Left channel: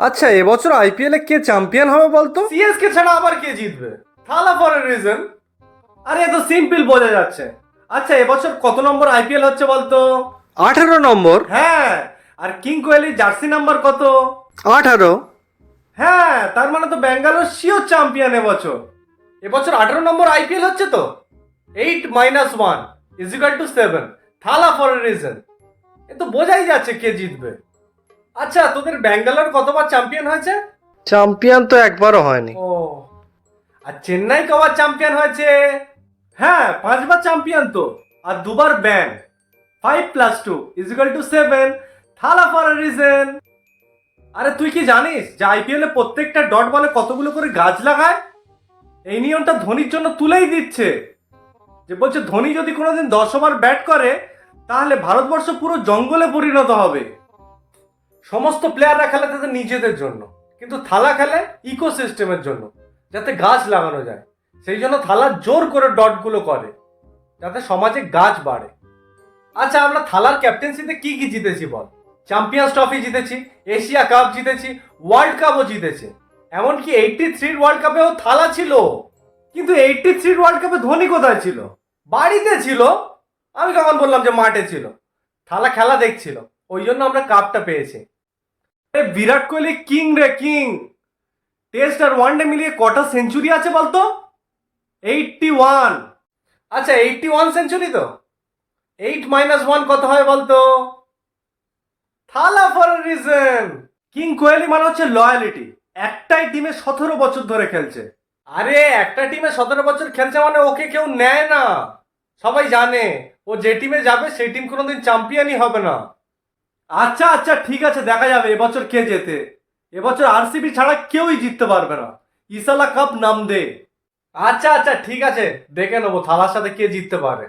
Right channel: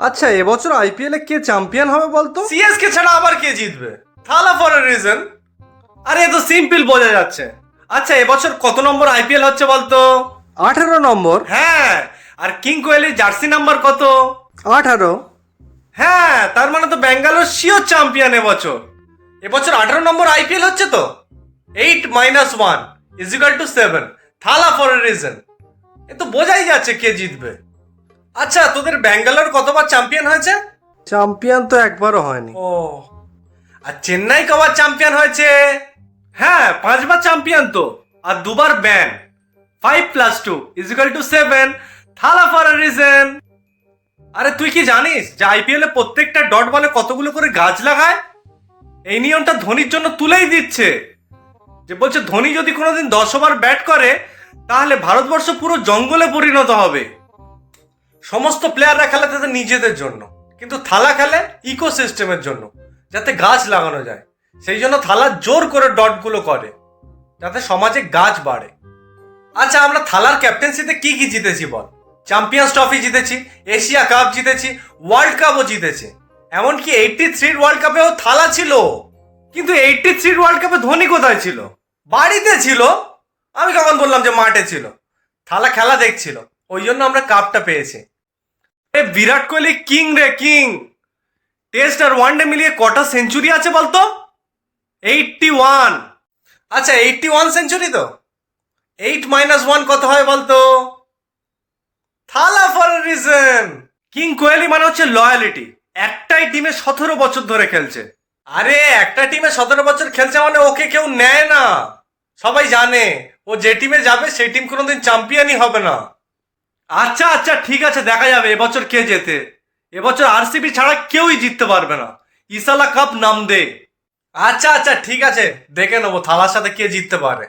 আচ্ছা, এবছর আইপিএল এ কে চ্যাম্পিয়ন হবে বলতো? সিএসকে ছাড়া আবার কে জিতবে? থালা ফর এ রিজন। আরে এ তো সিম্পল বোঝা যাচ্ছে। আচ্ছা, এবছর কত নম্বর আইপিএল হচ্ছে বলতো? 18 নম্বর। হ্যাঁ। আর কিং কোহলির জার্সি নাম্বার কত? 18। হ্যাঁ, তার মানে তো ব্যাঙ্গালোর শিওর চ্যাম্পিয়ন এবছর। এবছর 18 নম্বর আইপিএল হচ্ছে তো। 8 - 1 = 7। থালা ফর এ রিজন। এ তো বোঝাই যাচ্ছে কে জিতবে। আচ্ছা, তোদের ব্যাঙ্গালোর কতবার চ্যাম্পিয়ন হয়েছে? চ্যাম্পিয়ন তো একবারও হয়নি। ও। আর চেন্নাই কবার চ্যাম্পিয়ন হয়েছে? হ্যাঁ, 5বার চ্যাম্পিয়ন তো। আর 2বার ব্যান। 5 + 2 = 7। থালা ফর এ রিজন। আরে তুই কি জানিস যে আইপিএল এ প্রত্যেকটা ডট বলে কতগুলো করে গাছ লাগায়? এই নিয়মটা ধোনির জন্য তুলেই দিচ্ছে। যে বলছে ধোনি যদি কোনোদিন 10 ওভার ব্যাট করে তাহলে ভারতবর্ষ পুরো জঙ্গলে পরিণত হবে। সমস্ত প্লেয়াররা খেলে তাদের নিজেদের জন্য, কিন্তু থালা খেলে ইকোসিস্টেমের জন্য, যাতে গাছ লাগানো যায়। সেই জন্য থালা জোর করে ডটগুলো করে যাতে সমাজে গাছ বাড়ে। আচ্ছা, আমরা থালার ক্যাপ্টেন্সিতে কি কি জিতেছি বল? চ্যাম্পিয়ন্স ট্রফি জিতেছি, এশিয়া কাপ জিতেছি, ওয়ার্ল্ড কাপও জিতেছি। এমনকি 83 ওয়ার্ল্ড কাপেও থালা ছিল। কিন্তু 83 ওয়ার্ল্ড কাপে ধোনি কোথায় ছিল? বাড়িতে ছিল। আমি কখন বললাম যে মাঠে ছিল? থালা খেলা দেখছিল, ওই জন্য আমরা কাপটা পেয়েছি। বিরাট কোহলি কিং রে, কিং। টেস্ট আর ওয়ানডে মিলিয়ে কটা সেঞ্চুরি আছে বলতো? 81। আচ্ছা, 81 সেঞ্চুরি তো। 8 - 1 কত হয় বলতো? থালা for a reason. King Kohli মানে হচ্ছে লয়ালিটি। একটাই টিমে 17 বছর ধরে খেলছে। আরে একটা টিমে 17 বছর খেলছে মানে ওকে কেউ নেয় না। সবাই জানে ও যে টিমে যাবে সেই টিম কোনোদিন চ্যাম্পিয়নই হবে না। আচ্ছা আচ্ছা, ঠিক আছে, দেখা যাবে এবছর কে জেতে। এবছর আরসিবি ছাড়া কেউই জিততে পারবে না। ইসালা কাপ নাম দে। আচ্ছা আচ্ছা, ঠিক আছে, দেখে নেবো থালার সাথে কে জিততে পারে।